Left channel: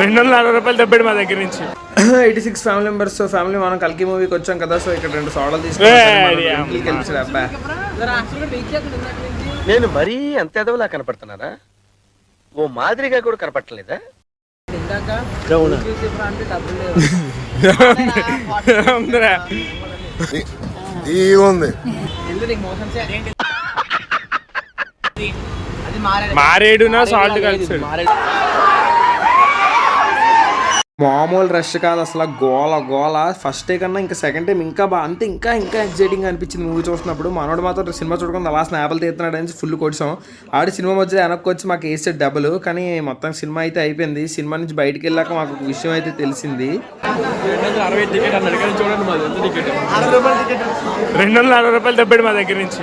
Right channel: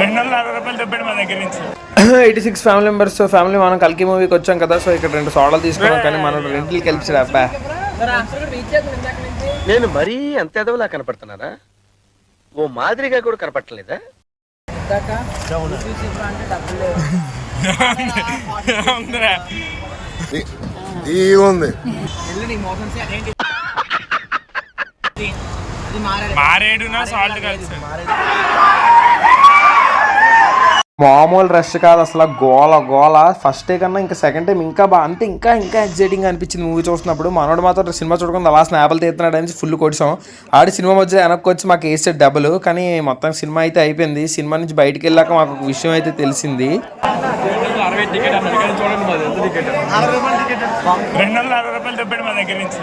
260 దెబ్బడి మా దగ్గర నుంచి 86 ఫ్యామిలీ మెంబర్స్ ఫ్యామిలీ మనం కల్కి మూవీకి వచ్చాం కదా. సో ఇక్కడ 2 సోడాలు తీసుకున్నాం. మనం రెంట్లకి కలిసి అబ్బా నేను మరీ అంత ఎదవలా కనపడుతున్నారా? ఓ మాదిరిగా కూడా కనపడలేదా? మారేడునా సాల్ట్ కలిసి మామూలు రష్ కాదు అసలు. గోల గోల. ఫస్ట్ డే కన్నా ఇంకా సెకండ్ టైం ఇంకా అంటే ఇంకా ఎగ్జైటింగ్ అనిపించింది మూవీ చూస్తున్నప్పుడు. మనోడు మాత్రం సినిమా చూడకుండా అలా స్నాప్లు తీస్తున్నాడు అని ఫుల్ కొడిసాం. ఆడి సినిమా మధ్య వెనక్కి వచ్చి మాకు వేసాడు డబ్బులు. కానీ మొత్తం సినిమా అయితే అయిపోయింది. సినిమా నుంచి బయటికి వెళ్ళాక మాకు ఒక విషయం అయితే తెలిసింది. 260 రూపాయలు దెబ్బడి మా దగ్గర నుంచి